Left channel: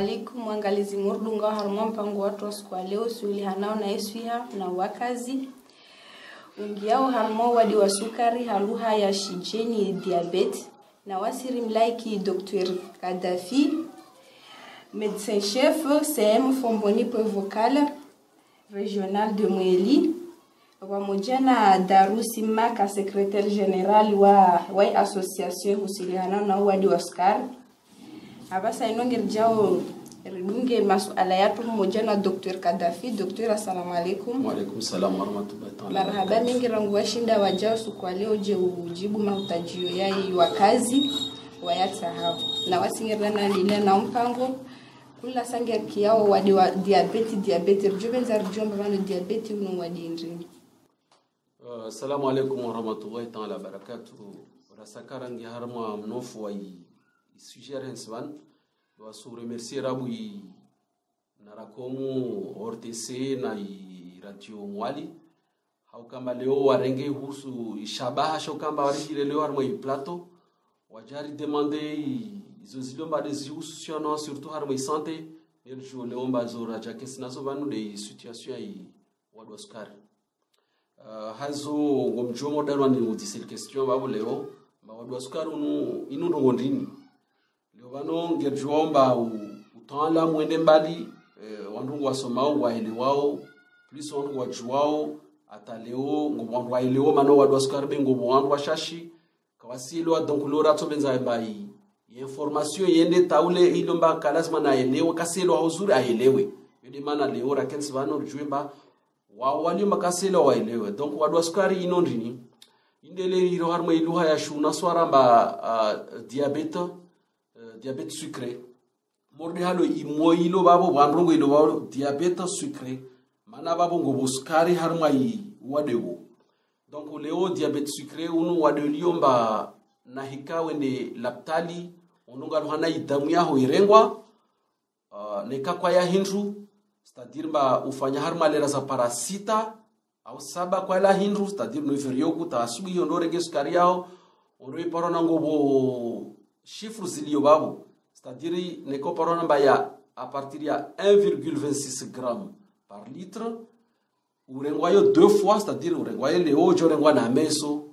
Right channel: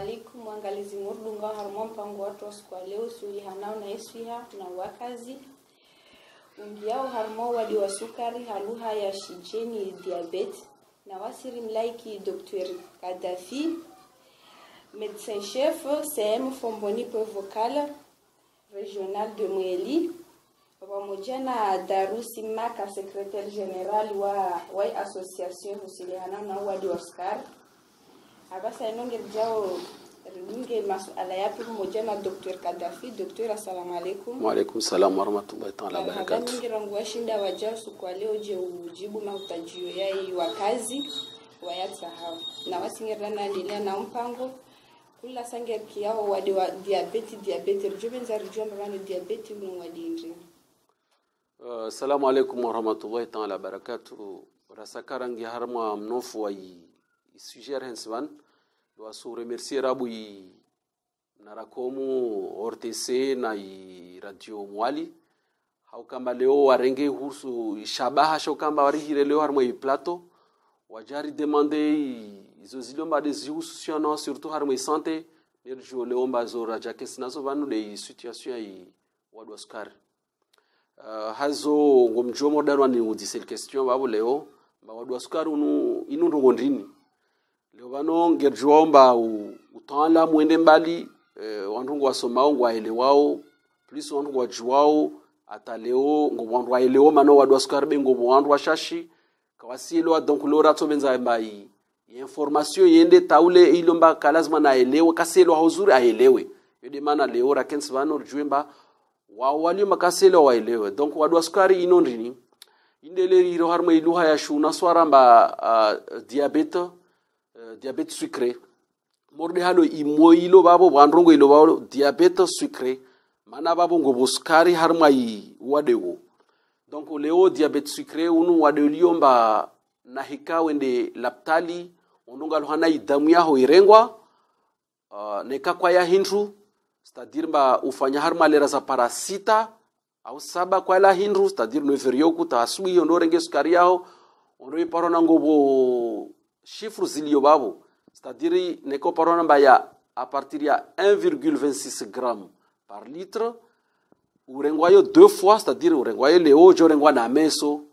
alaikum mwangalizi murdunga harmo mpango watu wa siku leo suili hanao na eswiha na wakazi ungiao harmo wadi wa sukari haluha ya shijeni diabete na wasiri mlaiki Dr. Kadafi médecin chef CM Fomboni Vocal régional de Mweli pamoja na Darusi Maka secrétaire général wa association husiliana na wadi wa sukari. Abasa inongera jao ridunge masuala yapo mmoja na Dr. Kadafi. Dr. Assalamu alaikum. Wa alaikum salam wa rahmatullahi ta'ala wa barakatuh. Marhaba mingi rangu washinda wajao siku leo je ujibu mahutajio yai wakazi wayata hao. Na wasingirana ndile na mpango kula sange kiao wadi wa diabetes rujubenza rujomba bano diabetes uno wadi ndini. Assalamu alaikum wa rahmatullahi ta'ala wa barakatuh. Rasakarangi harma mnofu wa sujet henswan doit se remercier rabu narakomu RTC na radio Mwali hau kama leo warenge husu shabaha sho kama warihire leo harmo plateau wajari demander izo zilomba des husu surtout harmo santé nerjo leomba zora jakes nazo vanu de situation wadwa sukari hazo ngomjomo darwani udisel question babo leo wadwa sukari inundu ngondrini leo bano ngerjomba utala mwende mbali wandu wasomao waelewao plus wandu wajuao ata leo ngobandu waelewa mano wadwa sukari bengo wandu washashi kawasielwa donc lora tobenza bai information yende taule ilomba kalazima na elewe kaselo hauzuri aelewe yede mana leo rakens bano rjwemba wali makaselo waelewe donc wadwa sukari inondrini indele iro harma iluha ya shuna swaramba diabète sucré morde halo imoilo babo bandrongo ilo babo diabète sucré mana babo ngobo sukari harma wadewo donc leo diabète sucré unu wadeliomba na hika wende laptali ondunga hana idamu yaho irengwa neka kwa ya hindru c'est-à-dire ba ufanya harma lera za parasita au saba kwa la hindru c'est-à-dire no ferioku ta asui ondorenge sukari yao ondoi parona ngobo chiffres zilio babo c'est-à-dire neko parona ba ya à partir ya 1,26 g par litre urengwayo 2 fois c'est-à-dire urengwayo leo jorengwa na meso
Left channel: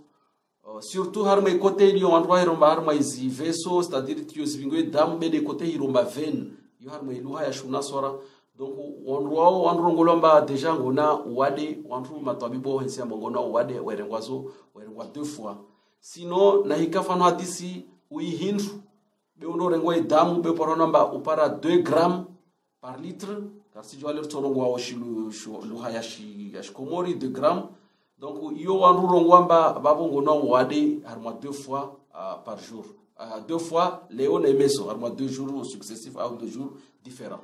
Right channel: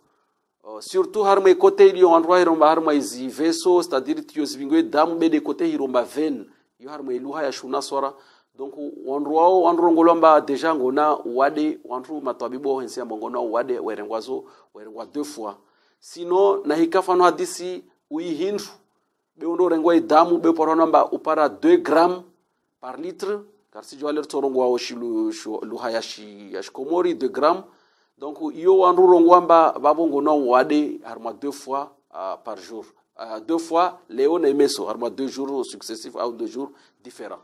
surtout harma côté ilio andwa iromba harma izi veso c'est-à-dire tio zibingwe damu bede côté iromba veine yo harma iluha ya shuna swara donc wandro ngolomba deja ngona wade wandro matwabibo hensi ngona wade werengwa 2 fois sinon na hikafano hadisi uihindu be ondo rengwa idamu be poronamba upara 2 g par litre car si jo aler torongwa oshilu luhayashi yashkomori 2 g donc iyo wandro rongwamba babongo no wade harma 2 fois par jour 2 fois léon et meso harma 2 jours successifs ou 2 jours différents.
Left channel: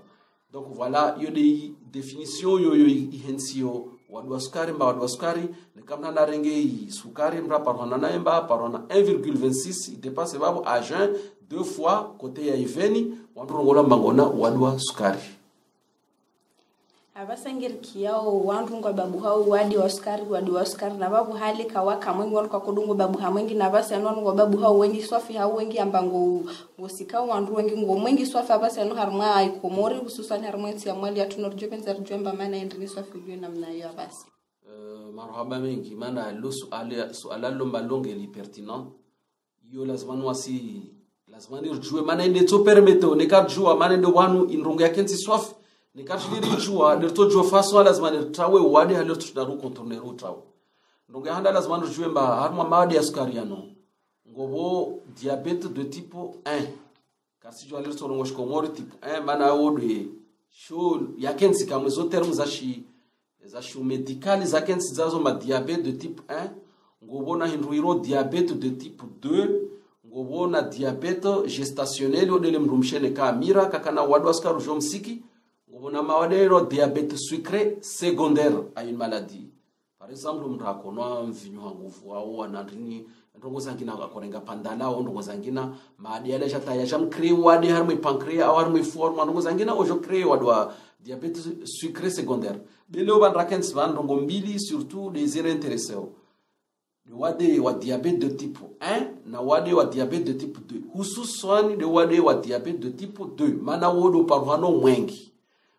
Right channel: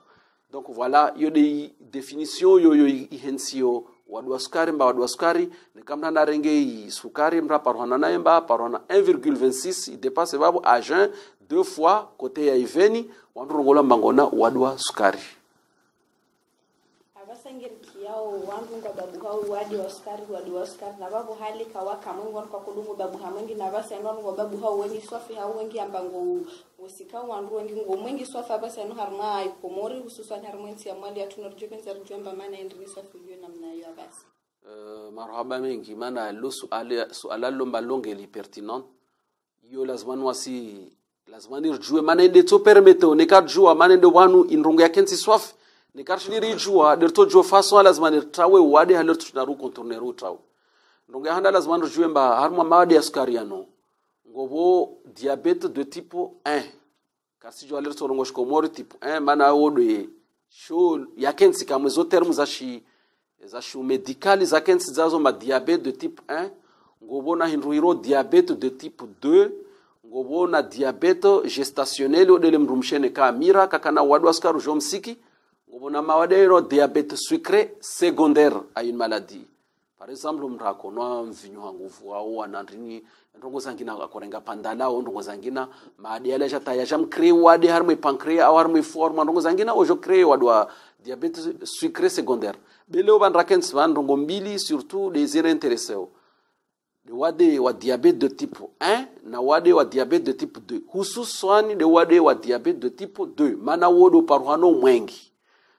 Donc voilà, il y a des définitions ihensio wadwa sukari ni kama na renge sukari mra parona naemba parona 1,26 dépasse babu à jeun 2 fois côté ya iveni wandu ngola mbangona wadwa sukari abasangir kiao wandu ngo babu hao wadi wa sukari na babu hali kawaka mwengi wanu kwa kudungo babu hamwengi na basi anu ngo babu hao wengi swafi hao wengi ambango usikao wandu wengi ngo mwengi swafi abasi anu harma ikomori hususan harma ya mwali atunorjo penza rjomba maana endri swafi yo namna yo abasi marhaba mengi maana lo suala lomba longe li pertinent yo lazima nirjue maana ende to permete ne kadjua maana ende wanu inrongo ya kensi swafi ni karshiri jua derto jo faso lazima nirtawe wadi haler tunaru contourner utrawe ndonge handa lazima nirjue mba harma mawadi ya sukari yano ngobo diabète de type 1 kasi jo haler torongo shkomori type 1 mana wode sho yakensi kamwe zo termu za shi medical za kensi zazo ma diabète de type 1 ngobo na hinruiro diabète de type 2 ngobo na diabète gestationnel odele mrumshene ka mira kakana wadwa sukari jo msiki on a maladie diabète sucré secondaire à une maladie. Par exemple, on raconte vinyo nguvu au anandrini ndongo zangina akorenga pandala au ndongo zangina maadi ala jata ya jam créer wadi harme pancréas au harme forme ndongo zangina ojo créer wadwa diabète sucré secondaire. Beleo ban rakens van ndongo mbili surtout les intéressés. de wade wa diabete de type 1 na wade wa diabete de type 2 hususan de wade wa diabete de type 2 mana wodo parwano mwengi.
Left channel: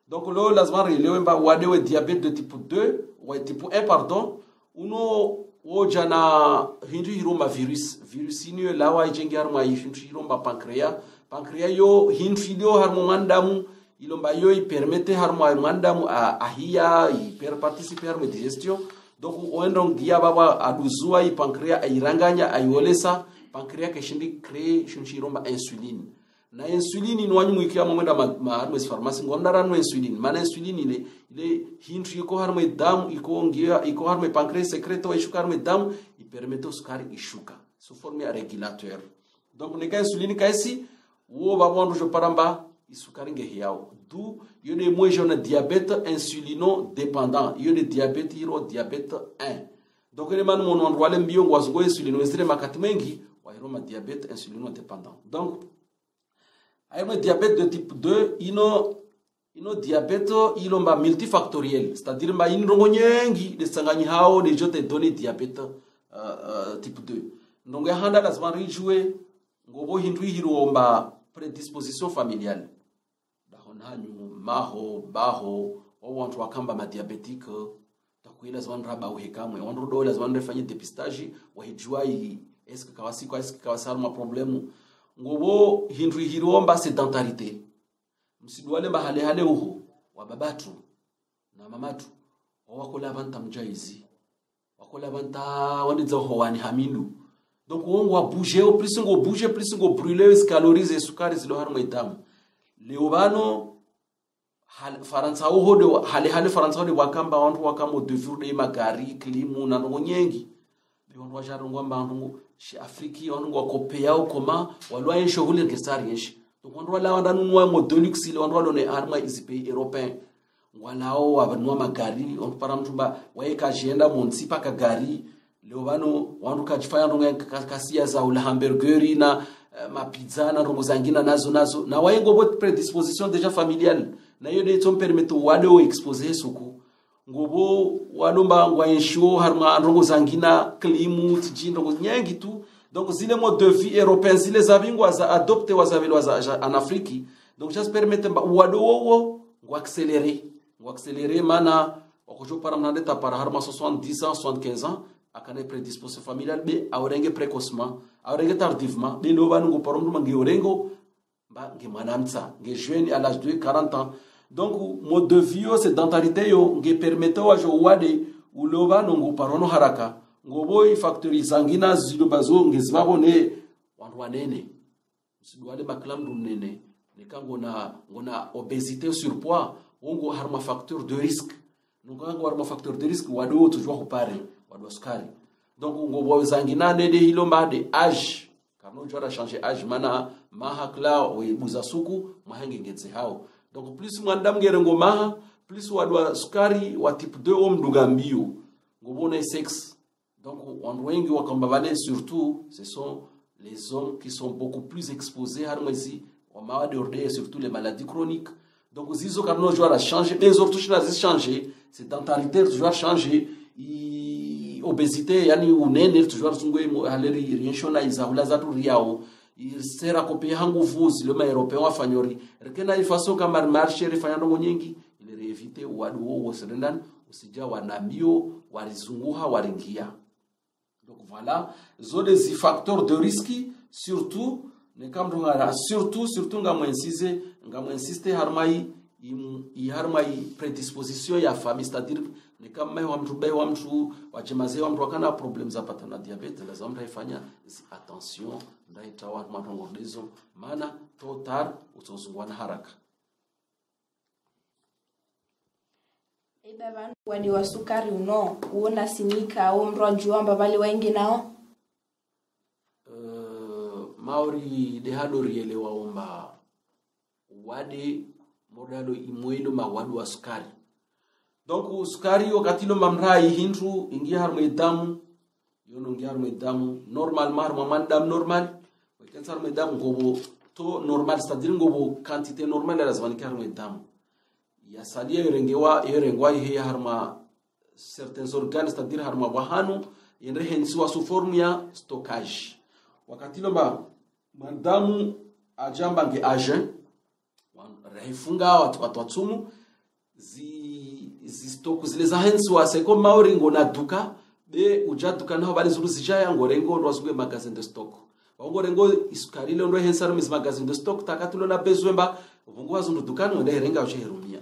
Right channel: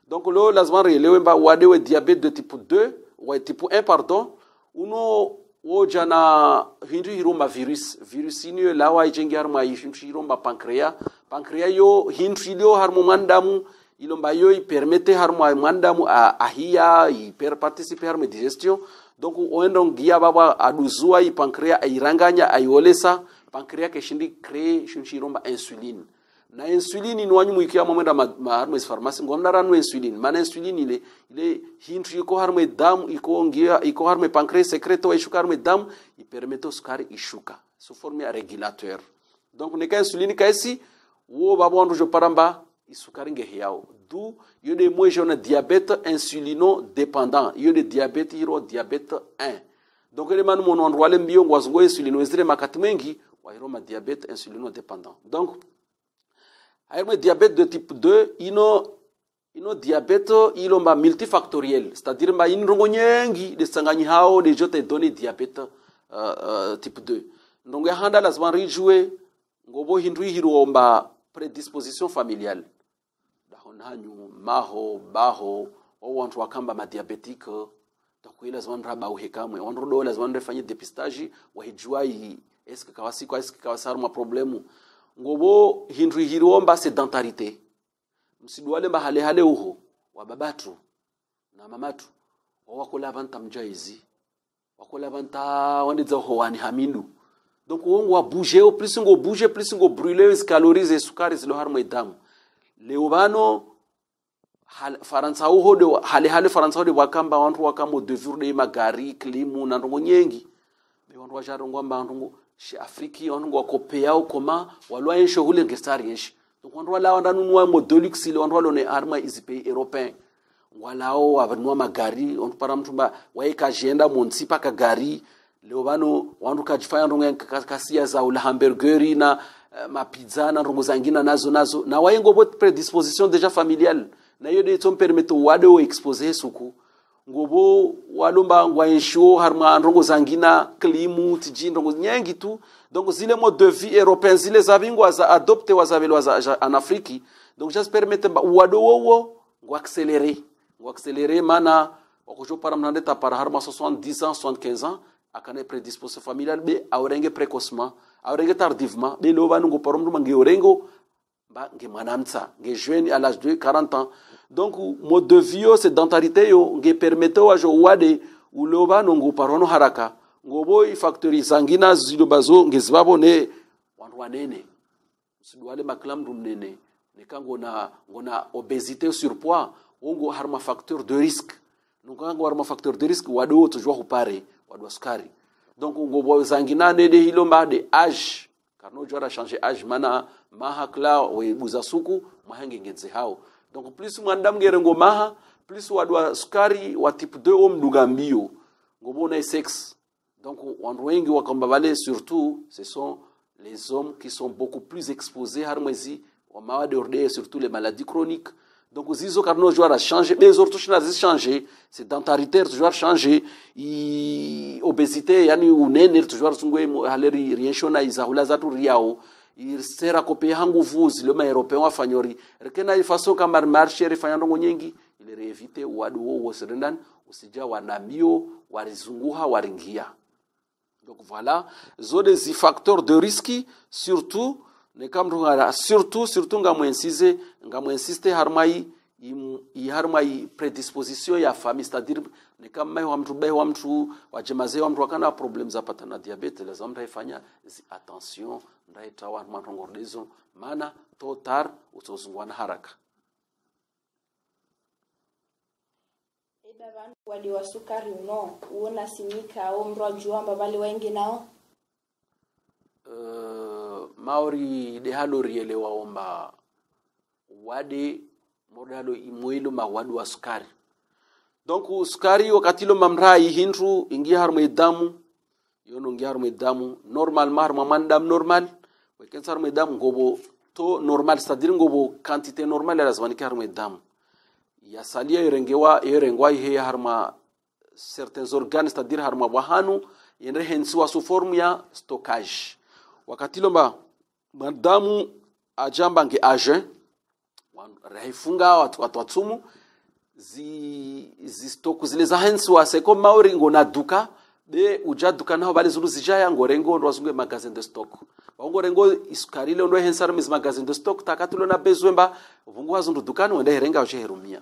Donc lo lazima relewe mba wade wa diabete de type 2 wa type 1 pardon uno woja na hindu hiroma virus inyo lawa ijengi harma hindu hiroma pancreas yo hindu ilio harmo mandamu ilomba yo i permette harmo mandamu ahia i per participer harmo digestion. Donc oendo ngia baba aduzua i pancreas airanganya aiolesa pancreas keshindi crée shunshiromba insuline na insuline ni wanyu muikia momenda harmo pharmacie ngomna ranu insuline mana insuline ile hindu iko harmo damu iko ngia iko harmo pancreas secreto wa ishuka harmo damu i permette sukari ishuka sous forme régulateur. Donc neka insuline kaisi wo baba ndo jo paramba isukari nge yao du yo de moi j'ai un diabète insulino dépendant yo de diabète hiro diabète 1. Donc les man mon endroit le mbio ngwazgo insulino ezire makati mengi wa hiro ma diabète insulino dépendant. Donc ayma diabète de type 2 ino diabète ilo ma multifactoriel, c'est-à-dire ma inrongo nyengi de sanganyi hao de jote donné diabète type 2. Donc ya handa lazima rijue ngobo hindu hiro ma prédisposition familiale hanyu maho baho o wantu wakamba ma diabétique takuila zwan raba uhekamwe wantu do lazima ndefanye dépistage wa hijua est-ce que kawasi kwa est-ce que kawasar ma problème ngobo hindu hiromba sédentarité msidwale mahale hale uho wa babatu na mamatu wakola banta mjaizi wakola banta wandiza ho wani hamilu. Donc wongo wa bouger plus ngo bouger plus ngo brûler les calories sukari zilo harmo itamu leobano faransa uho de hale faransa de wakamba wantu wakamo de jour de magari klimu na ngo nyengi be wantu wajaro ngwamba wantu shi afriki wantu wakopea ukoma walwa yesho hule gestari yeshi. Donc wantu wala wana nunwa modolux ile wantu walone arma pays européen walao wabanwa magari wantu para mtumba waeka agenda munsipa ka gari leobano wantu kajifanya ndo kasia za ula hamburgeri na ma pizza na rongo zangina nazo na wayengo bot prédisposition déjà familiale na yo de ton permettre wado exposer suku ngobo walomba waensho harma rongo zangina klimu tijin rongo nyangi tu. Donc zile mode de vie européen zile zavingo za adopter wazavelo en Afrique. Donc just permettre wado wo ngo accélérer mana okojo para mnandeta para harma 70 ans 75 ans akane prédisposition familiale be awrenge précocement awrenge tardivement be no banu go parom dum ngi orengo ba ngi manamtsa ngi jeune à l'âge de 40 ans. Donc mode de vie sédentarité yo ngi permettre wa jo wade uloba no go parono haraka ngo boy factory zangina zilo bazo ngi zibabo ne wantu wanene sidwale baklam dum nene ne kango na ngona obésité surpoids wongo harma facteur de risque donc kango harma facteur de risque wado toujours upare wadwa sukari. Donc ngobo zangina ne de hilomba de âge karno jora changer âge mana maha kla we buzasuku mahange ngenze hao. Donc plus mwandam gerengo maha plus wadwa sukari wa type 2 omduga mbio ngobo na sexe. Donc on wengi wakamba vale surtout ce sont les hommes qui sont beaucoup plus exposés harmezi wa mawade ordé surtout les maladies chroniques. Donc zizo karno jora changer les autres choses na changer sédentarité toujours changer i obésité yani unene toujours sungwe haleri rieshona izahula zatu riao sera kopea hangu vuzi le ma européen wafanyori rekena ifaso kama marché refanyando nyingi ile réviter wadu wo serendan usija wanamio warizunguha waringia. Donc voilà zone zi facteurs de risque surtout ne kamrungara surtout ngamo insiste harmai i harmai prédisposition ya famille, c'est-à-dire ne kama wa mtu wajemaze wa mtu wakana problem za pata na diabete lazima ndaifanya attention ndaitawa matongordezo maana totar utozungwana haraka. Baba wadi wa sukari uona sinika au mro juamba bali waingi nao maori de halo riele waomba wadi modalo imoilo mawadu wa sukari. Donc sukari wakati lo mamrai hindu ingia harmo damu yono ngia harmo damu normal marma mandam normal wekensa harmo damu ngobo to normal, c'est-à-dire ngobo quantité normale ya lazima ni harmo damu ya salia yerengwa ihe harma certains organes, c'est-à-dire harma wahanu inahensiwa su formu ya stockage. Wakati lomba madamu ajamba nge agent raifunga watu watumu zi stock zile za hensiwa seko mauringo na duka be ujaduka naho bali zuru zijaya ngorengo ndwazungwe magazine de stock ngorengo isukari le ndo hensar mis magazine de stock takatulo na bezwemba vungwa zundu dukani wende herenga ujeherumia.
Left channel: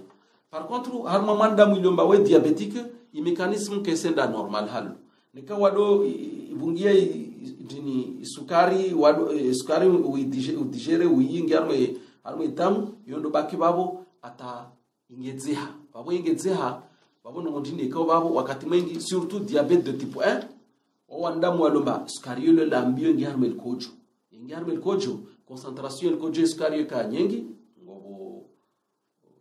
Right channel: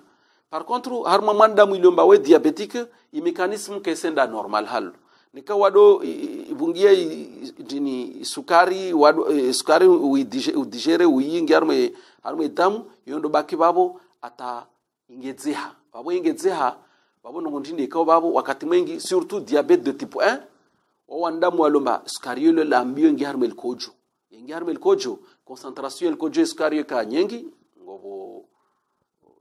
Par contre harma manda mwilomba we diabétique i mécanisme que c'est normal hal nika wado ibungie dini sukari wado sukari udigere uyingi harma damu yondo baki babo ata ingezeha babo ingezeha babo ngondinde ko babo wakati mwingi surtout diabète de type 1 o wanda mwalomba sukari le lambio ngi harma el kojo ngi harma el kojo concentration el kojo sukari ka nyengi ngobo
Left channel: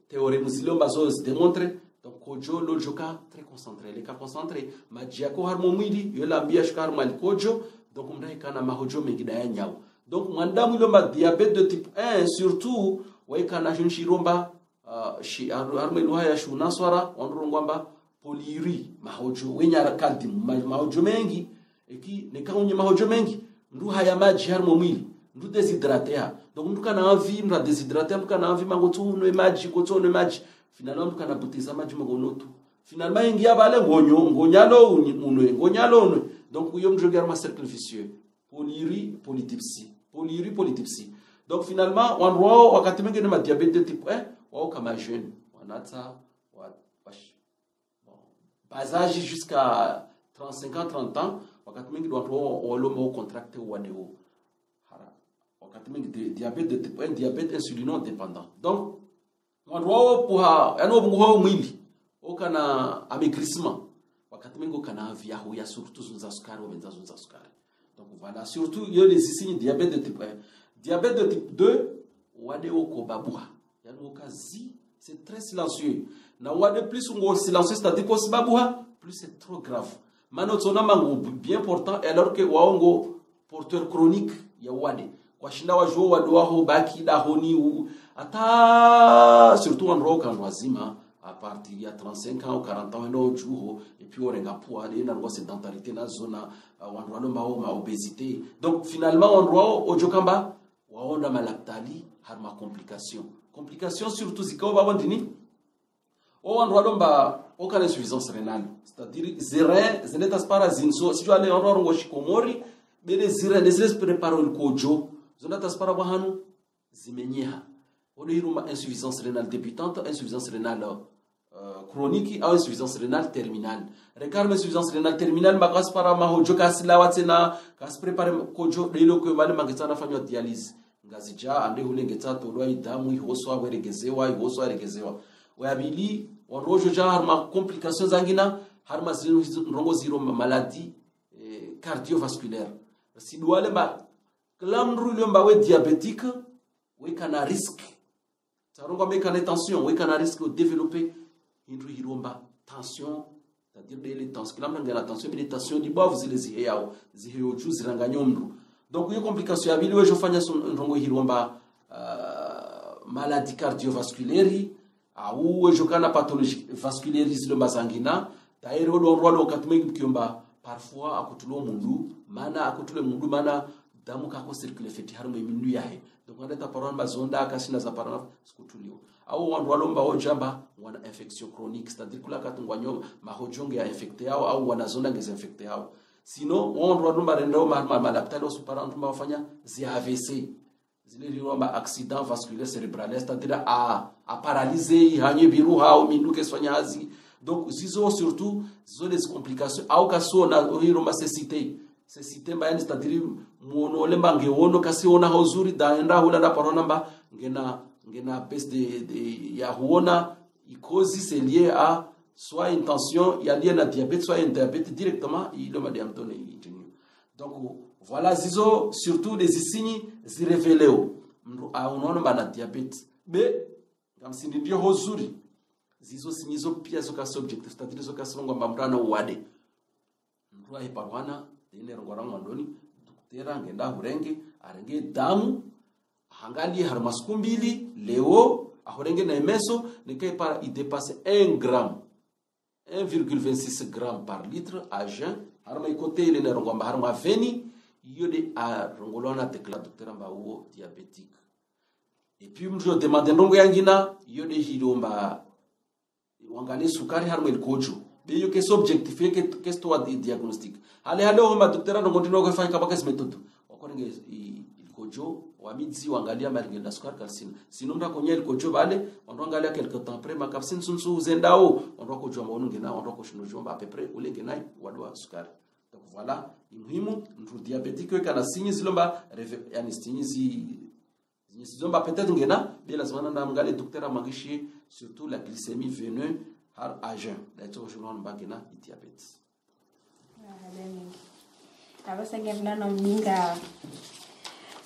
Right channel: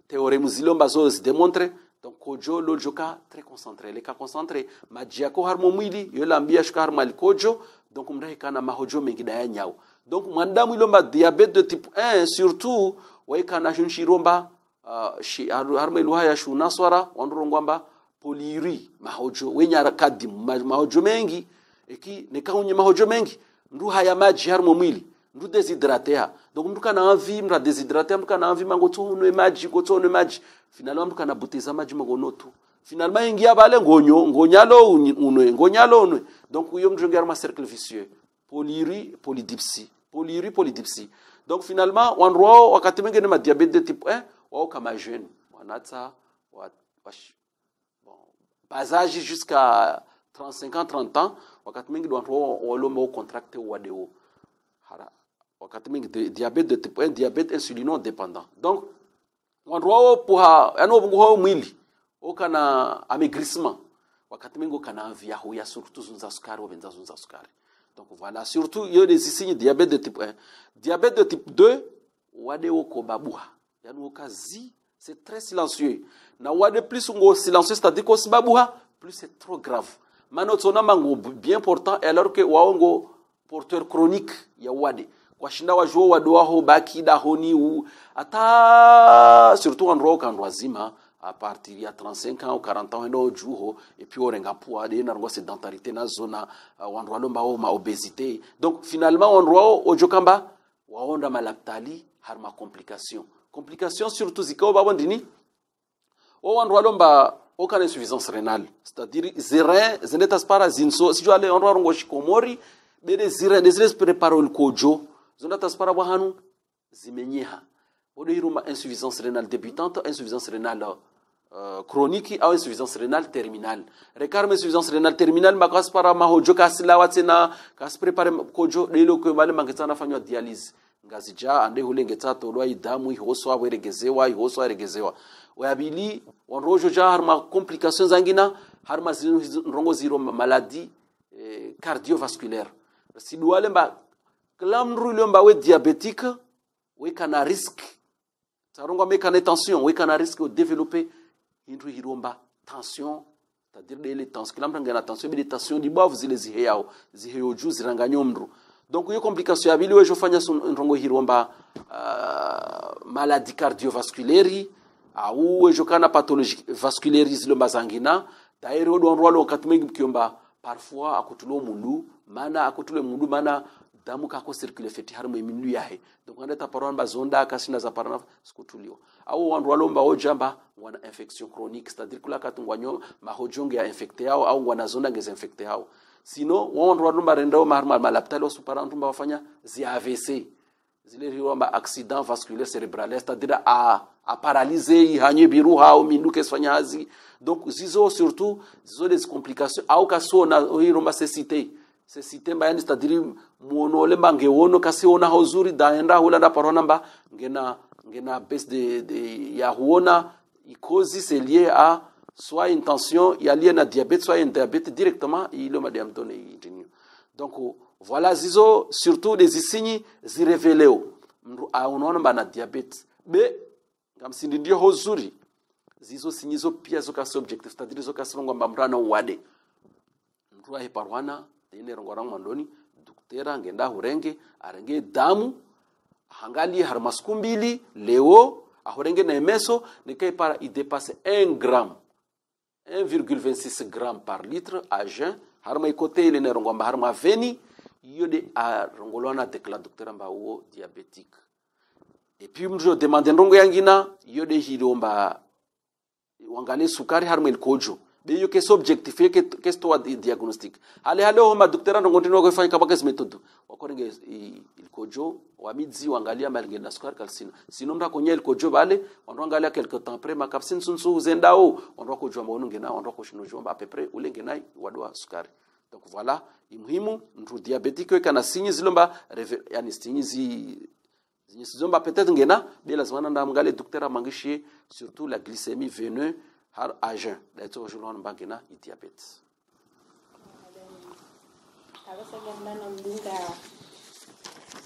théorème zilomba zo se démontre donc kojo lo joka très concentré les cas concentré majia ko harmo mwili yo lambia sukari mal kojo donc mrai kana mahojo mengi da nyao donc mandamu ilomba diabète de type 1 surtout waikana shunshiromba shi harme luhaya shuna swara wanurongwamba poliri mahojo wenyara kadi mahojo mengi eki nekaunye mahojo mengi ndu haya maji harmo mwili ndu deshydrater donc mtu kana envie mra deshydrater mtu kana envie mangotunwe maji gotonwe maji finalement mtu kana buteza maji magonotu finalement ingia bale ngonyalo unwe donc uyo mjonge harma cercle vicieux poliri polydipsie donc finalement wanro wakati mwingine ma diabète de type 1 wao kama jeune wanata bon basage jusqu'à 35 ans 30 ans wakati mwingine wanro walomba contracte wadeo hara wakati mwingine diabète de type 1 diabète insulino dépendant donc wanro puha yani obunguho mwili okana amaigrissement wakati mwingine kana via huya surtout zunza sukari obenza zunza sukari. Donc voilà, surtout il y a les signes diabète de type 1. Diabète de type 2, wade okobabuha. Yani okazi, c'est très silencieux. Na wade plus on silencieux, c'est-à-dire que babuha, plus c'est trop grave. Mano tsona mango bien portant alors que waongo porteur chronique ya wade. Kwa shinda wajo wadwa ho baki da honi ou ata surtout en rock en wazima à partir de 35 ans ou 40 ans no juho et puis orenga poa de na sédentarité na zona wanrwa lomba o ma obésité donc finalement wanrwa ojokamba waonda malaptali harma complication surtout zikao babo ndini o wanrwa lomba aucune insuffisance rénale c'est-à-dire zere zenetas para zinso si tu allais wanrwa ngo shikomori bere zire des préparo le kojo zona taspara bahanu zimenyeha odo hiruma insuffisance rénale débutante insuffisance rénale chronique ou insuffisance rénale terminale. Regarde insuffisance rénale terminale makas para mahojo kasila watsena kas prepare kojo lelo ko mali mangetana fanywa dialyse ngazija ande hulengeta tolwa idamu ihoswa weregezewa wabili wanrojo ja harma complications zangina harma rongo zero maladie cardiovasculaire sidwale ba klamru lomba we diabétique we kana risque sarongo me kana tension we kana risque de développer indru hiromba tension c'est-à-dire les tensions kila mtu ngana tension mais tension di bovu zile ziheo juu ziranganyo mru donc hiyo complication ya bili wejo fanya ndongo hiromba maladie cardiovasculaire au wejo kana pathologie vasculaire zilo mazangina dairo do ndwalo katmengi kiomba parfois akutulo mundu mana damu kako circule feti harmo mindu yahe donc on est parole bazonda kasina za parana skutulio au wanrwalomba ojamba wana infection chronique c'est-à-dire kula katungwanyo mahojonge ya infecté au wana zonda ngeze infecté au sinon wanrwalomba rendao marma malaptalo suparandumba wafanya zi AVC zile riomba accident vasculaire cérébral c'est-à-dire à paralyser hanye biruha au minduke fanya hazi donc zizo surtout zizo les complications au kasona hiroma cécité mba yani c'est-à-dire muono lemba ngewono kasi ona hauzuri daenda hula na parona mba ngena baisse de ya huona cause c'est lié à soit une tension il y a lié à diabète soit un diabète directement il le diamtone donc voilà zizo surtout des signes zi révéleo unaona bana diabète be ngamsindi ndio hozuri zizo sinyizo pia zoka subjective c'est-à-dire zoka songo mbamrana wade mtu ahiparwana ine rongora mwandoni duktera ngenda hurenge arenge damu hangali harmasku mbili leo ahorenge na emeso nikai para i dépasse 1 gramme 1,26 grammes par litre à jeun harma ikote ile ne rongo harma veni yode a rongolona dekla docteur mba uo diabétique. Et puis mjo demande ndongo yangina yode hilomba wangale sukari harma ilkojo be yo kes objectif yo kes to diagnostic hale homa docteur ndongo ndino ko fanya kabaka method wakorege ilkojo wamidzi wangalia malge na sukari kalsina sinonda kunya ilkojo bale onangalia quelque temps après makapsin sunsu zendao ondoa kujua maunu ngena ondoa kushino jomba à peu près ulengena wadwa sukari. Donc voilà, muhimu mtu diabétique kana sinyi zilomba yani sinyi zilomba peut-être ngena bila zamana na mngale docteur amangishi surtout la glycémie veineuse har à jeun d'ailleurs je l'on bangena diabète. Kabasa ngenda na mbinga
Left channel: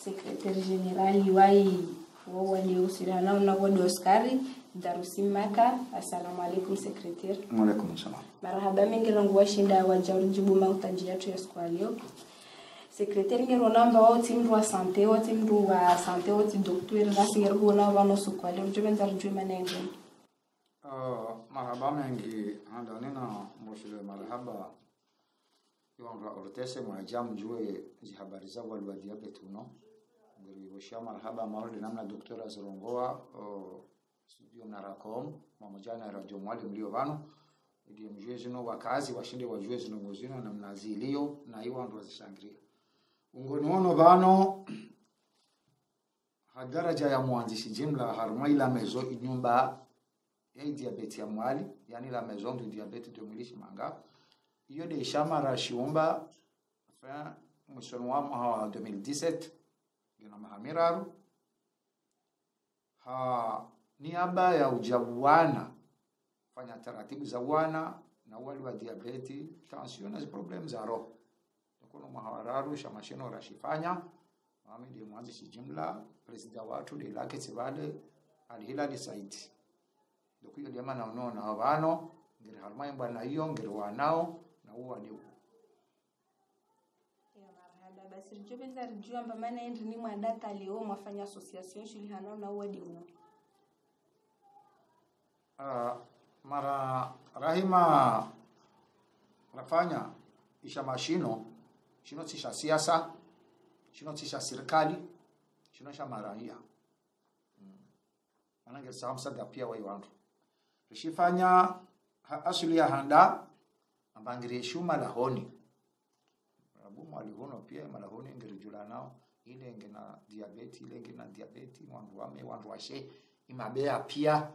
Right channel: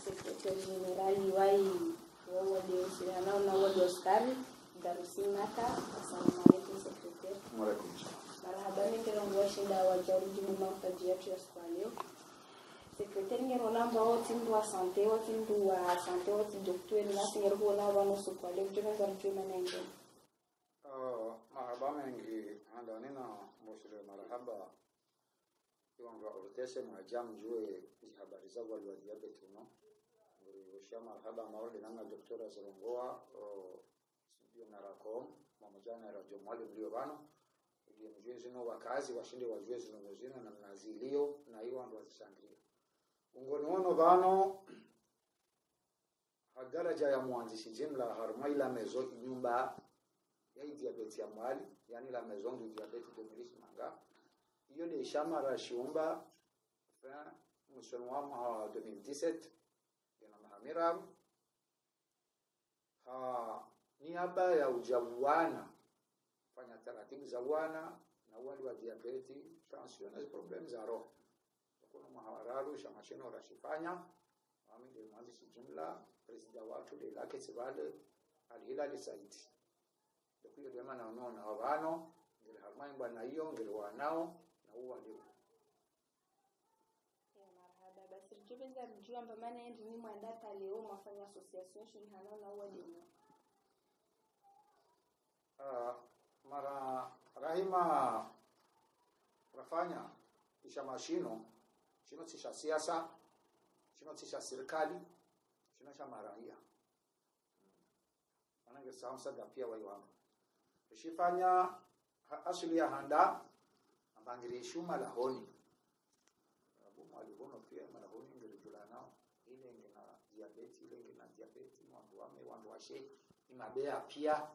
secrétaire général iwai wadi usirana na wadi Oscari Darusimaka. Assalamu alaikum secrétaire. Wa alaikum salam. Marhaba mingi rangu washinda wajaurijibu mautaji yetu ya siku leo. Secrétaire ngero namba wote mdu wa santé wote docteur ngasi ngero kuona vano siku leo mjobenza rujue manenge. Marhaba mingi anda nina mshule marhaba yonga ortese mwa jam jue habari za wali wa diabetes uno ngiri washia marhaba marhaba namna docteur azirongoa studio na rakom pamoja na radio mwalimu mlio vano ndio mjue zino wakazi washinde wajue zino ngozino na mnazilio na hiyo ndo zishangilia ungoni wono vano hadaraja ya mwanzishi jimla harma ila mezo inyumba ya diabetes ya mwali yani la maison du diabète de Mwilishi Manga iyo de shamara shiumba fin mwishoni wa 2017 gina mahamiraru niaba ya ujabuana fanya taratibu za wana na wali wa diabeti tension na problem za roho kuna mahararu shamashino rashifanya mami de mwanzishi jimla president watu de lake sebale alhilali saiti dokuyo jamaa naona habano ngiri halmai bwana hiyo ngiri wanao na huwa ndio ya marhaba basi jubeza rujua amba maana endi ni mwadaka leo mwafanya association shuli hanao na huwa ndio mara rahima nafanya isha mashino shino tisha siasa shino tisha serikali shino sha maraia manange samsa da pia wa yandu rishifanya asuli ya handa ambangire shuma lahoni rabu mwalihono pia malahoni ngirijula nao ile ngina diabeti ile ngina diabeti wandu washe imabea pia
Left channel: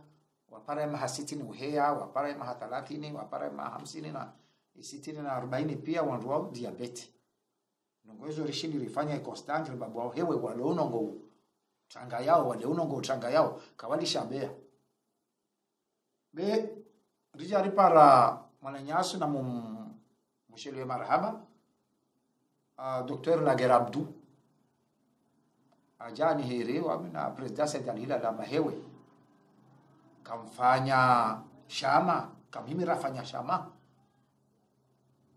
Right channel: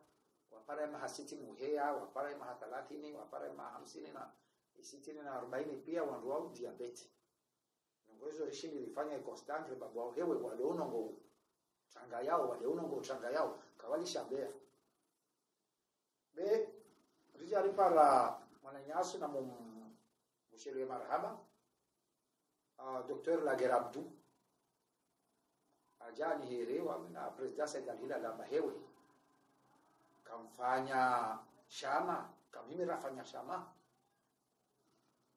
wapara ma 60 uhea wapara ma 30 wapara ma 50 na 60 na 40 pia wandu wa diabeti nongozo rishini rifanya constant babu wao hewe walono ngo tanga yao waleono ngo tanga yao kawali shabea be rijari para mwananyasu na mshelewe marhaba Dr. Lager Abdu ajani herewa na president Dalila la mahewe kamfanya shama kamhimi rafanya shama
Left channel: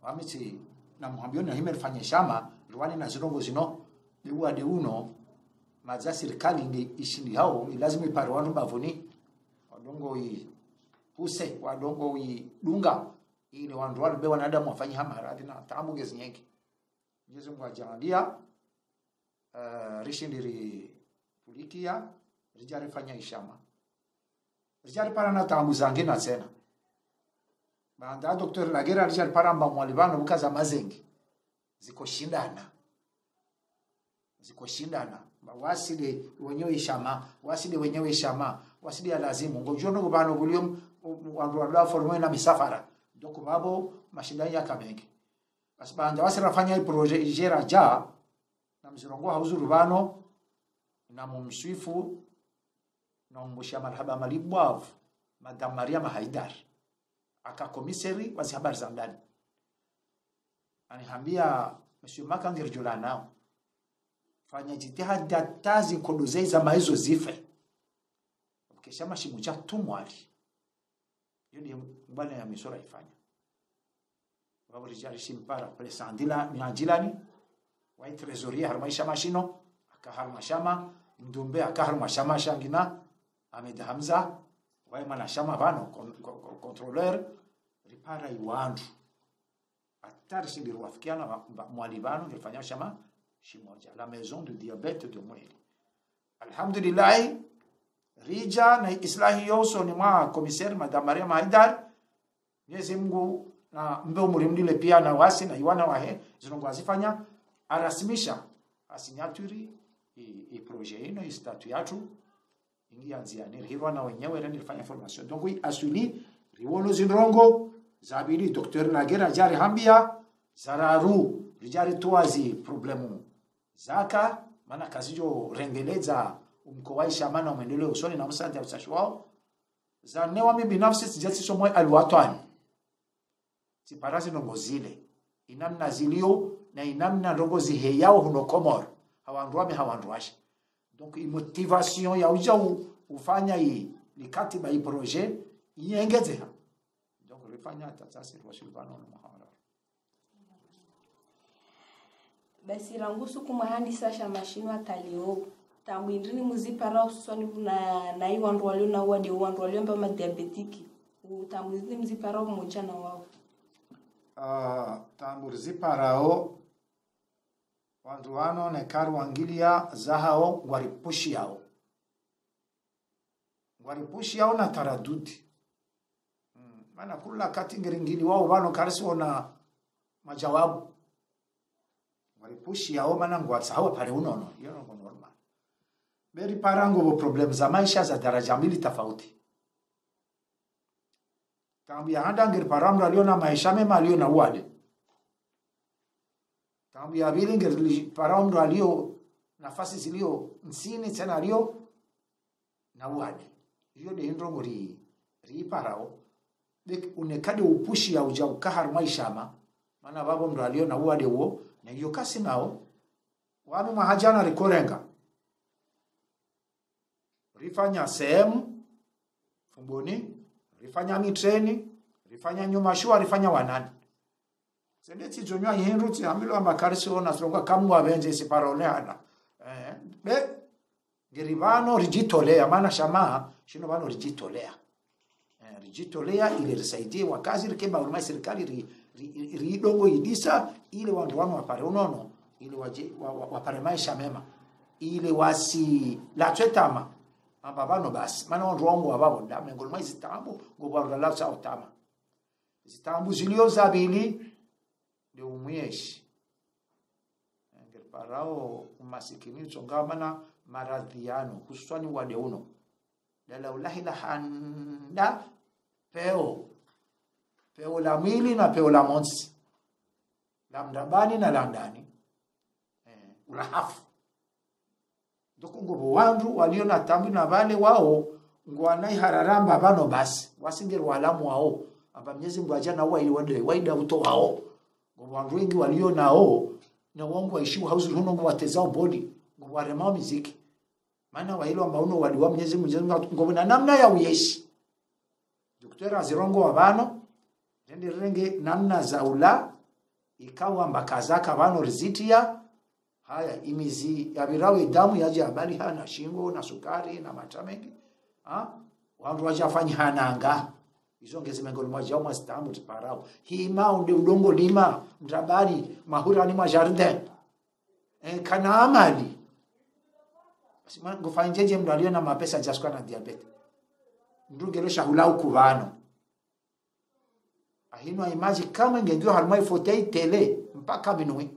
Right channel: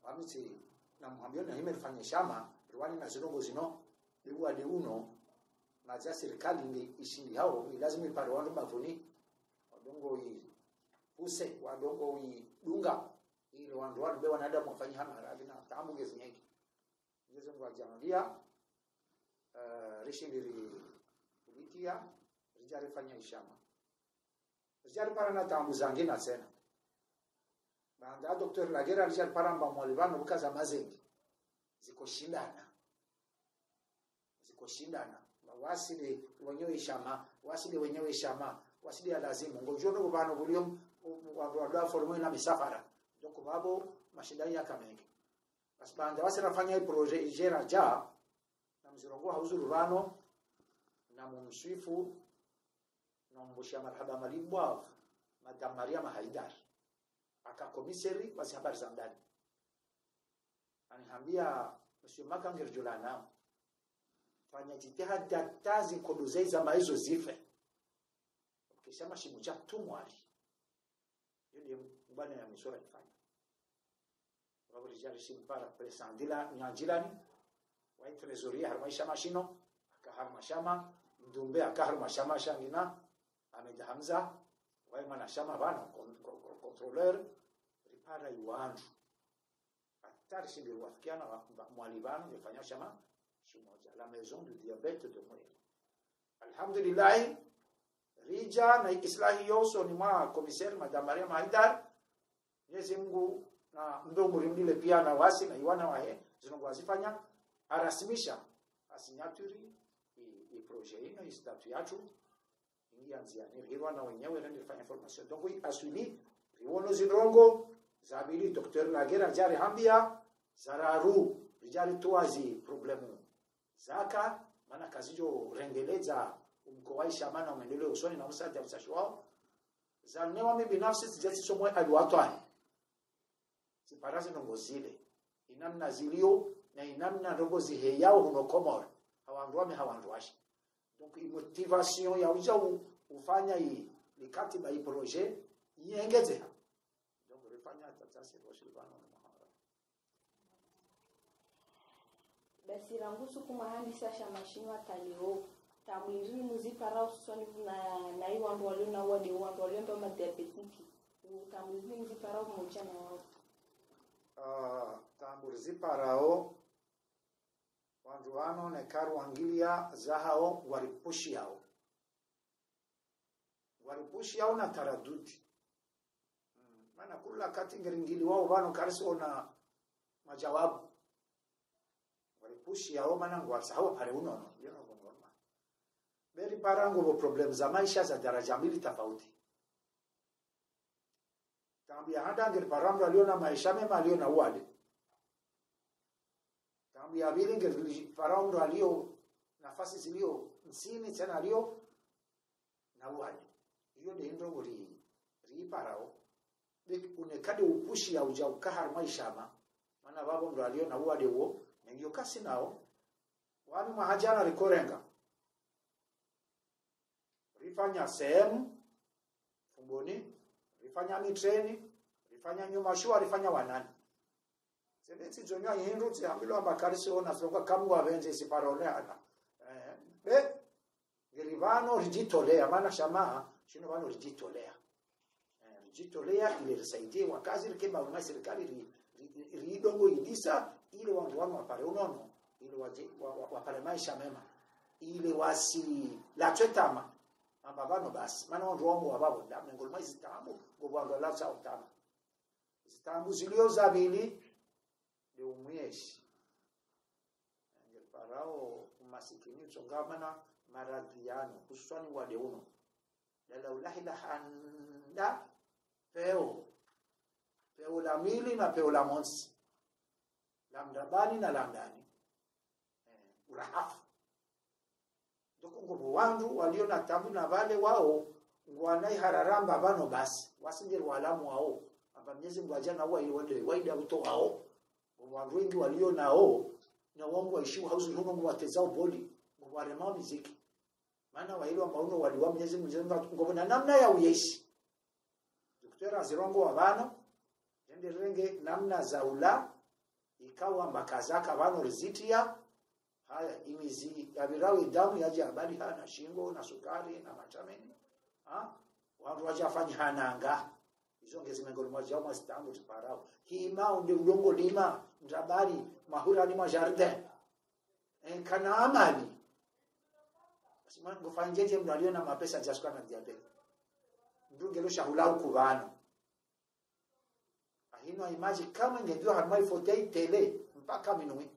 wamiti na muhambio na himi rafanya shama ruwani na zirongo zino bewa de uno maza serikali nge ishindi hao lazima ipare wandu bavuni wadongo hii huse wadongo hii dunga ili wandu wale bewa na adamu wafanya hama haradhi na tabu gezi nyeki Mwenyezi Mungu ajalia rishindiri pulikia rijari fanya ishama rijari para na tabu zange na tena baada Dr. Lagera rijari para mba mwalibano bukaza mazengi ziko shindana waside wenyewe ishama waside ya lazimu ngojono kubano bulium wandu wala formo na misafara donc babo mashindano ya kamenge asibanda wasirafanya project ijera ja na mzirongo hauzuru bano na mumswifu na mbushia marhaba malibwav madam Maria Mahaidar aka komisari wazi habari za ndani anihambia monsieur Makangir Jolana fanya jitihada tazi kondozei za maizo zife ukisha mashimu cha tumwali yodi bwana ya misora ifanya baba rijali shimpara pale sandila ni anjilani wa trezoria harmaisha mashino akaharma shama ndumbe akaharma shama shangina Ahmed Hamza wa mana shama bano contrôleur para iwandu atari shindiri wafikiana mwalibano ngefanya shama shimoja la maison de diabete de mweli. Alhamdulillah rija na islahi yoso ni mwa komisari Madame Maria Haidar. Mwenyezi Mungu na mbeo mulimdile pia na wasi na iwana wahe zinongo azifanya arasimisha asinyaturi i projet ino istatu yatu ingia nziani hirwa na wenyewe ndio nilifanya formation. Donc asuli riwono zinrongo zabili Dr. Nagera jari hambia zararu rijari tuazi problemu zaka maana kazijo rengeleza umkowaisha maana maendeleo usoni na msante ya usashwao za newa mimi binafsi sijasi somo alwatani siparazi ndongo zile inamna zilio na inamna ndongo ziheyao huno komor hawanduame hawanduashi. Donc motivation ya uja ufanya hii likatiba hii projet iengeze ha. Donc ulifanya tatsasi rwashulibano na muhamara basi rangusu kumuhandisa sha mashino atalio tamwindini muzipara ususwani na hii wandu walio na wadi wandu walio mba madiabetiki utamwindini muzipara umoja na wao. Tamurziparao wandu wano nekaru wangilia zahao waripushi yao na taradudi. Mana kula kati ngiringili wao wano karisi wana majawabu waripushi yao mana ngwatsahawa pale unono yono kwa normal beri parango bo problem za maisha za daraja mbili tofauti. Tambia handa ngir paramra lio na maisha mema lio na wale. Tambia vile ngir paramra lio nafasi zilio nsini tena lio na wale. Hiyo ndio ndongo ri parao. Unekade upushi ya uja ukahar maisha maana babo ndo alio na wale huo na hiyo kasi nao wanu mahajana rikorenga. Rifanya sehemu fumboni rifanya mitreni, rifanya nyuma shua, rifanya wanani. Sendeti zonyo hinruti ambilo amakarisi ona songa kamwa benje siparone ana. Be geribano rijitolea maana shamaa shino bano rijitolea. Rijitolea ile risaidie wakazi rikeba uruma serikali ridongo idisa ile wandu wanu wapare unono ile wapare maisha mema ile wasi la twetama ababano basi maana wandu wangu wababo ndame ngolma zitambu ngobwa la sa utama zitambu zilio zabili ndio umweshi ngel parao umasikini chongamana maradhiano hususani wade uno la ulahi la handa peo la mwili na peo la monsi la mdabani na la ndani urahafu doko ngobo wandu walio na tambi na vale wao ngwanai hararamba bano basi wasingiru walamu wao aba Mwenyezi Mungu ajana wao ili waida uto wao ngobo wandu wengi walio nao na wangu waishiwa hauzi huno ngo watezao body ngo waremao muziki maana wailo ambao uno waliwa Mwenyezi Mungu ngobo na namna ya uyeshi Dr. Azirongo wabano Rende renge namna za ula ikawa mbakazaka bano rizitia haya imizi ya birawe damu yaje habari hana shingo na sukari na matamengi wandu wajafanya hananga hizo ngezi mengoni mwaje au mastambu tiparao hii maunde udongo lima mtabari mahura ni majardin kana amali basi ngofanjeje mdu alio na mapesa jaskwa na diabetes ndungelo shahula ukubano ahino imaji kama ngejua harmai fotei tele mpaka binui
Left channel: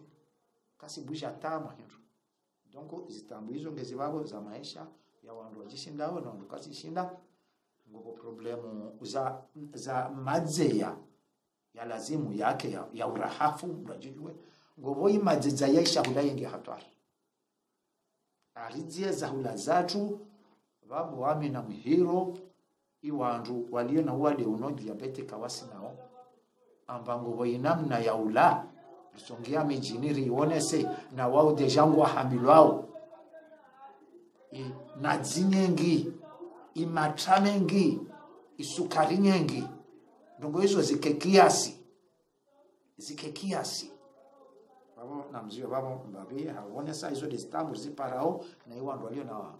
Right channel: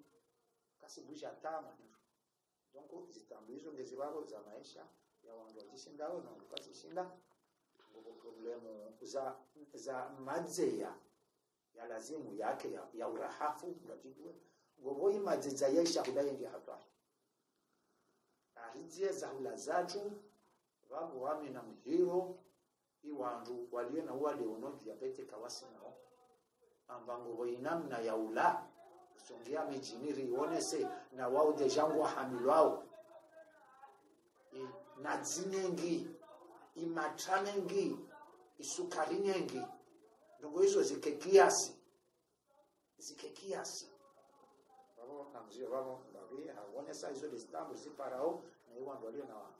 kasi busha tama hiyo. Donc zitambu hizo ngezi wabo za maisha ya wandu wajishindao na wandu kasi shinda ngopo problemu za madzeya ya lazimu yake ya urahafu mrajijwe ngopo imadzeya yaisha hulayengi hatari aridzie za hula zatu wabo wami na mhiro iwandu walio na wale uno diabete kawasi nao ambango boinamna ya ula songia mijiniri ionese na wao dejangu wahambilwao na zinyengi imatramengi isukari nyengi ndongo hizo zikekiasi babo na mzio babo mbabi haonesa hizo distambu ziparao na iwandu walio na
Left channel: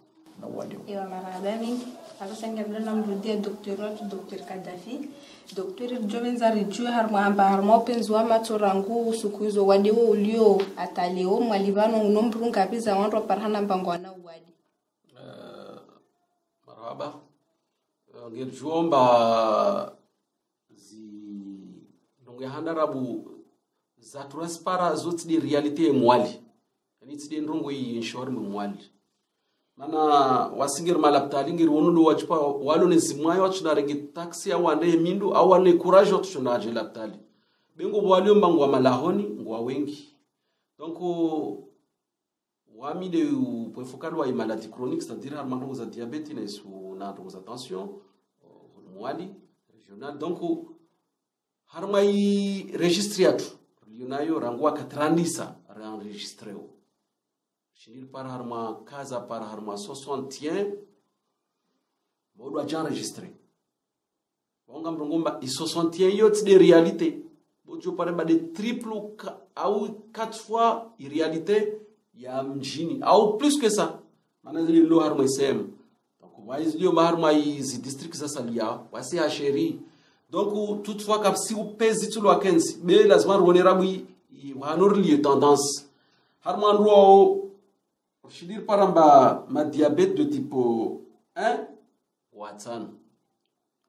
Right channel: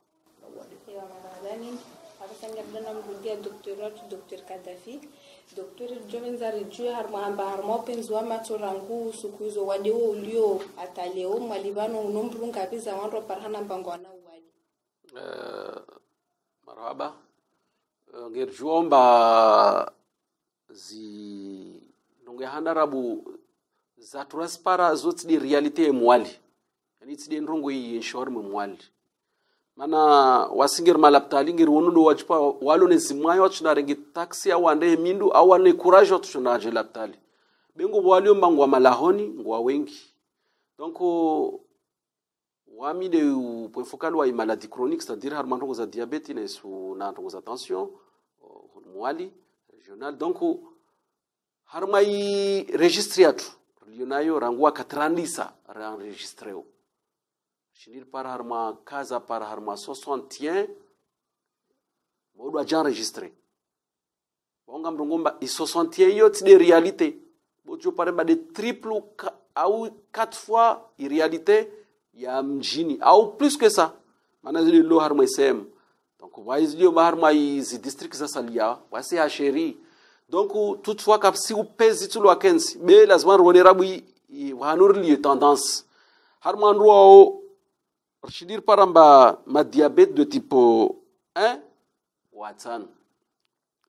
na wadi Ewa marhaba mingi. Sasa ngirda namrudia Dr. Kadafi. Dr. Jovenza rijue harmo penzi wa matorangu siku hizo wadi wo ulio ataleo mwalibano unombrunga biza wanro parhana mpango wana wadi. Marhaba. Ngirjuomba ndongehana rabu za transpara zote di realite mwali. Yani tsidi ndrongo inshore mwali. Mana wasigir malaptali ngir wonu wachpa walo ne zimwayo wachuna renge taxi au ande mindu au ane courage wachuna aje laptali. Bengo wali mbangwa malahoni ngwa wengi. Donc wami de poifokalo wa maladie chronique, c'est-à-dire harmango za diabète ne sou na za tension mwali régional. Donc harmai registre yatu lionayo rangwa katrandisa enregistreo. Chinil par harma casa par harma 61 bodo aja enregistré. Bonga mrongomba i 61 yot de réalité. Bojo pare ba de triple ou 4 fois i réalité ya mjini au plus que ça. Manazili lo harma isem. Donc wise lio harma iz district za salia, wasi asheri. Donc toutefois cap si ou pèse tout lo akensi, be lazima ronerabu i wanur li tendance. Harma ro je veux dire par exemple ma diabète de type 1 watsan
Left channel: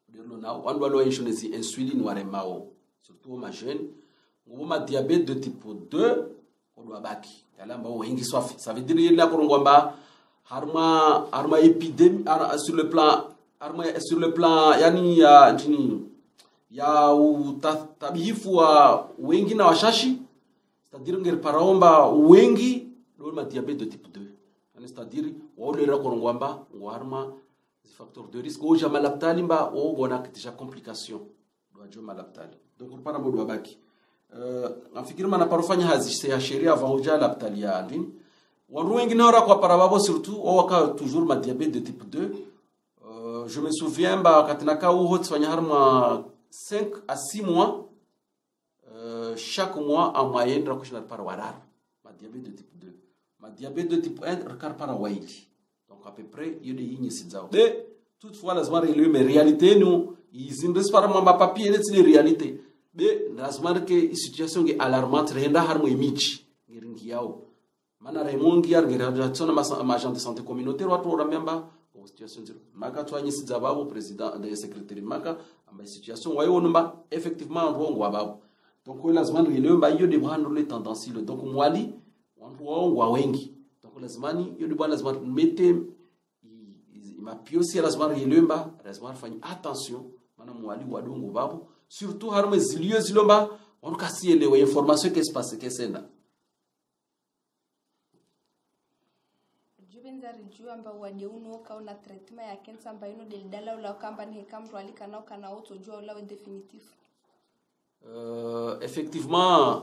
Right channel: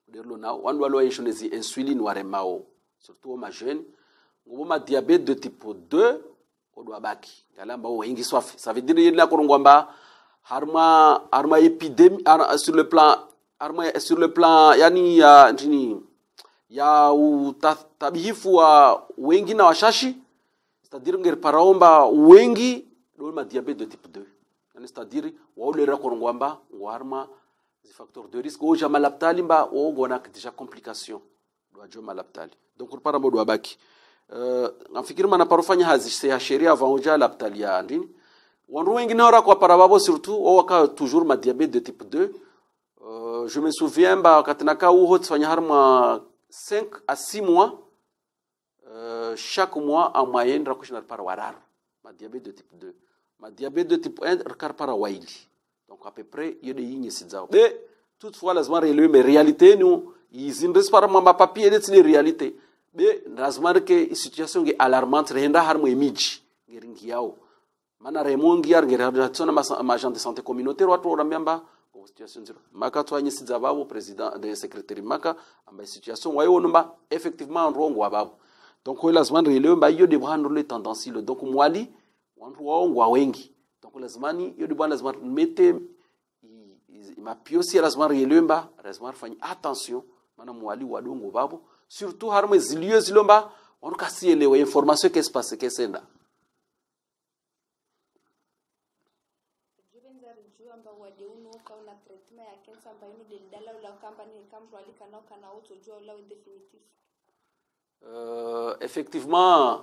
derlo na wan walo insulin insuline waremao surtout ma jeune ngobo ma diabète de type 2 ko do baki kalamba wengi soif ça veut dire yela ko ngomba harma épidémie sur le plan yani ya ndini ya tabihifu wa wengi na washashi c'est-à-dire ngir paraomba wengi ma diabète de type 2. C'est-à-dire, on le rakongwamba, warma, des facteurs de risque. Ou jamais l'aptali, ou on a déjà complications. Doit malaptali. Donc, on parle de baki. En fikir mana parofanya hazi c'est à chérir avant déjà l'aptali ya andini. On rouingi n'aura quoi parababo surtout, ou aka toujours ma diabète de type 2. Je me souviens, katinaka ou hot fanya harma 5 à 6 mois. Chaque mois en moyenne rakushnar par warar. Ma diabète de type 2. Ma diabète de type 1 recar para waili. Donc à peu près il y a des lignes sidzao. Mais toutefois lazima relever mais réalité nous ils indres par ma papier c'est les réalités. Mais lazima que situation est alarmante renda harmo image ngeringi yao. Mana remongi yar ngera tsona ma agent de santé communautaire watu ramyamba situation zero. Maka twanye sidzababo président de secrétaire maka amba situation wayo numba effectivement rongo wababo. Donc lazima relever ba yo de prendre les tendances donc mwali wantu wao wengi donc lazimani yo bwana lazima mete mapiosi lazima yelemba lazima fanya attention maana mwali wadongo babu surtout harme zilio zilomba on kasielewe information qu'est-ce passe qu'est senda Juvenza rijua amba wadi uno ka una traitement ya cancer amba ino delidala ula kamba ni kamro alika nao kana auto jua ula définitif. Effectivement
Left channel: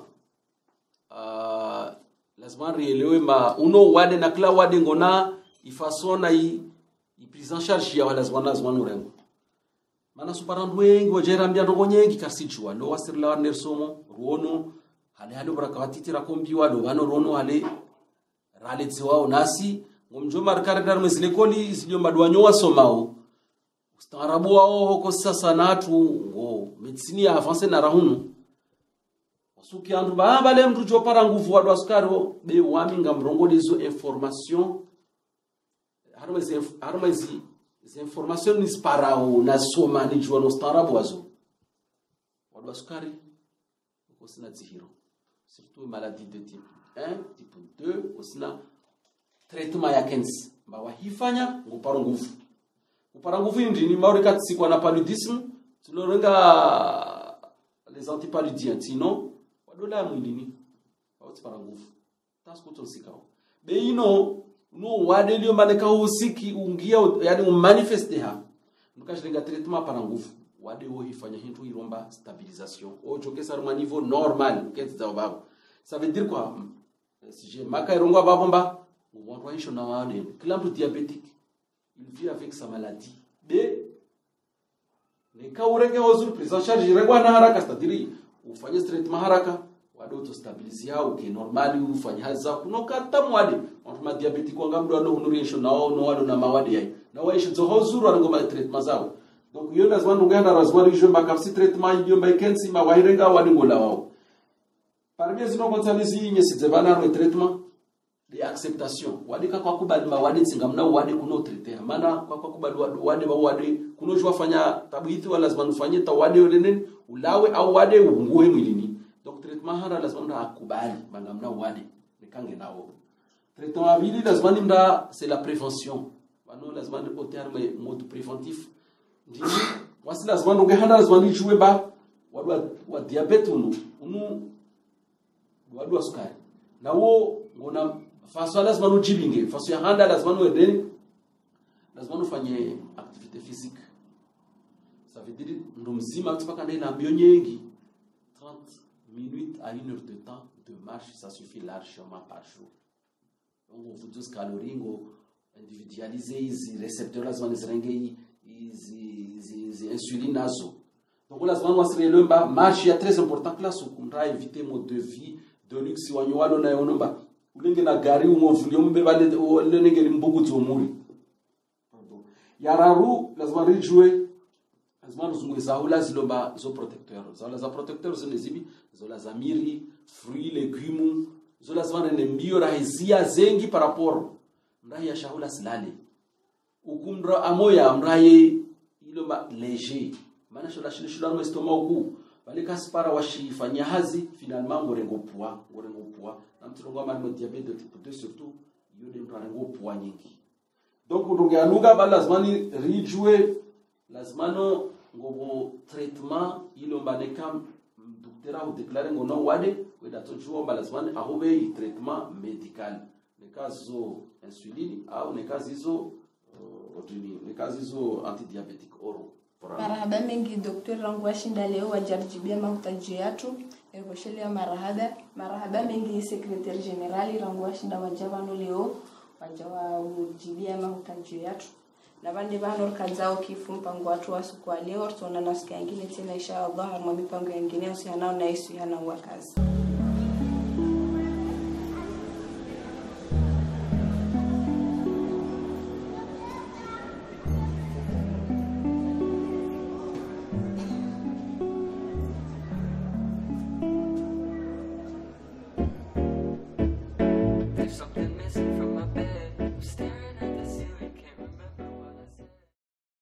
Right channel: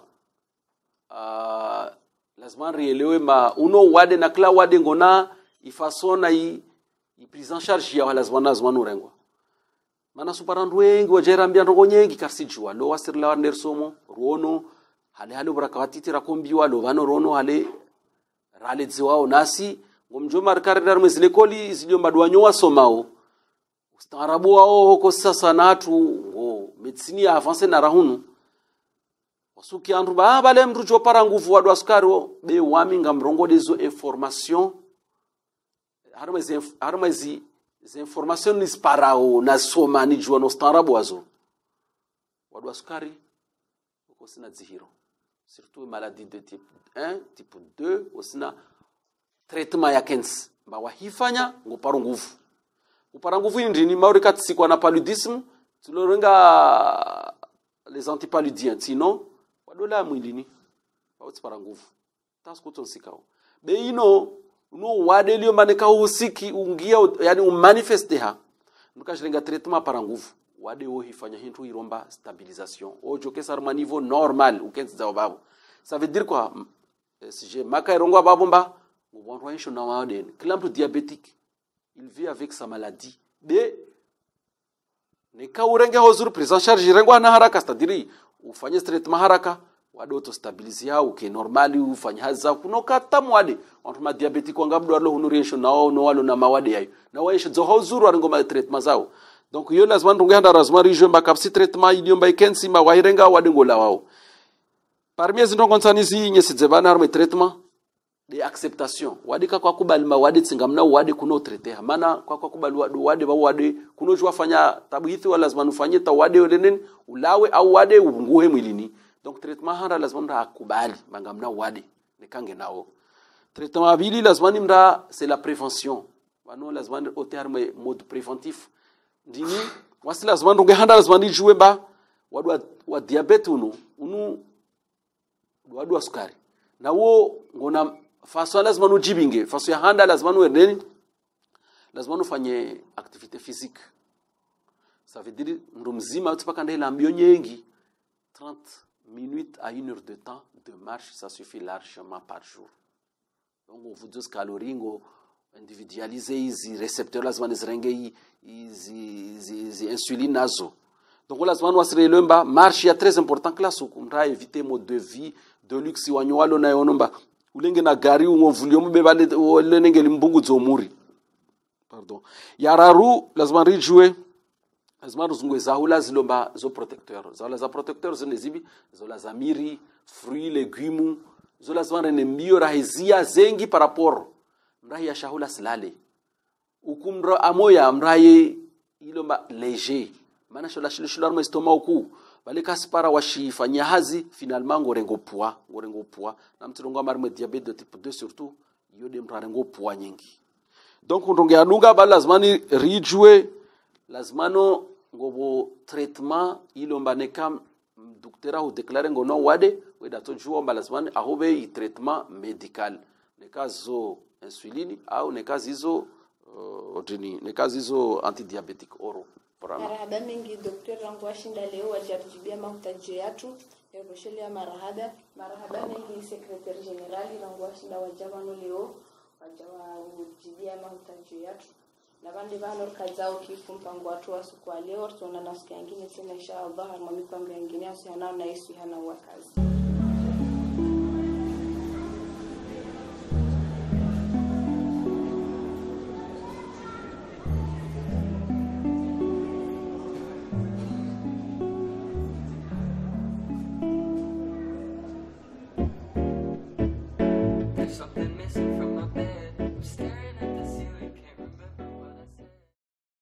lazima rielewe ma uno wade na kila wade ngona ifasona i prise en charge ya lazima nurengo mana suparandu wengi wajera mbia ndogo nyengi karsijwa lo wasirla wa nersomo ruono hale brakawati rakombiwa lo vano rono hale rale dziwao nasi ngomjo markare dar mezilekoli izilio madwanyo wasomao ustaarabu wao huko sasa natu ngo medicine ya avance na rahunu wasuki andu bale mtu chopara nguvu wadu askari be waminga mrongo dezo information harma zi information ni sparao na soma ni jua no starabu wazo wadu askari uko sina zihiro surtout maladie de type 1 type 2 osina traitement ya cancer ba wahifanya ngoparo nguvu upara nguvu ndini maurika tsikwa na paludisme tulorenga les antipaludiens sinon wadola mwilini bauti para nguvu tasko tonsikao be ino no wadelio maneka usiki ungia yani umanifeste ha nukashirenga traitement para nguvu wade wo hifanya hintu iromba stabilisation ojo kesa ma niveau normal ukenzi za babo ça veut dire quoi si j'ai maka irongwa babomba on voit na wade clamp diabétique il vit avec sa maladie b ne ka urenga ozuru prise en charge irengwa na haraka c'est-à-dire ufanye traitement haraka wado to stabilize au ke normali ufanya haza kunoka tamwade watu ma diabetic wanga bdo lo hunuresho nao no walo na mawade yayi na waisha zo hozuru arango ma treatment zao donc yo lazima ndungenda razmari je mbakafsi treatment idio mba ikensi ma wahirenga walingola wao parmi les ndongo nsanizi nyesitse bana ma treatment de acceptation wadika kwa kubali ma wade tsingamna wade kuno traiter maana kwa kubali wade ba wade kuno jwa fanya tabithi wala lazima ufanye ta wade yolen ulawe au wade unguhe mwilini. Donc traitement hara lazima mra akubali bangamna wade nikange nao. Traitement abili lazima mra c'est la prévention. Wano lazima au terme mode préventif. Dini wasi lazima ndonge handa lazima jouer ba wa diabete unu wadu wa sukari. Na wo ngona faso lazima ujibinge faso ya handa lazima uendeni lazima ufanye activité physique. Ça veut dire ndo mzima utapaka ndela mbio nyengi 30 minutes à 1 heure de temps de marche, ça suffit largement par jour. Donc, on vous dit calories, on individualise les récepteurs, les insuline nazo. Donc, on a marche est très important que là, on doit éviter mode de vie de luxe, on na yonomba. Ulenge na gari ou volume bebale ou lenenge limbugu zomuri. Pardon. Yararu, lazima rijouer. Lazima ruzungwe zahula zilomba zo protecteur. Zahula za protecteur zinezibi, zola za miri, fruits, légumes, zola zwana ne mbio rahizia zengi par rapport. Mrahi ya shahula silale. Ukumro amoya mrahi ilomba léger. Mana shola shila no estomac ku. Bale kaspara washifanya hazi finalement ngorengo poids. Na mtirongo marme diabète de type 2 surtout, yode mrarengo poids nyingi. Donc ndonge alunga bala lazima ni rijwe lazimano ngobo traitement ilomba nekam docteur au déclarer ngono wade weda tojua lazimani ahobe i traitement médical nekazo insuline au nekazizo nekazizo antidiabétique oro marahaba mengi docteur rangu washinda leo wajaribia mahitaji yetu evoshelia marahaba mengi secrétaire général rangu washinda wajavano leo wajawa ujibia mahitaji yetu na bande bano kazao kifu mpango watu wasu kwa leo tuna nasikia nyingine tena inshallah mipango mingine asiana na Yesu yana wakazi.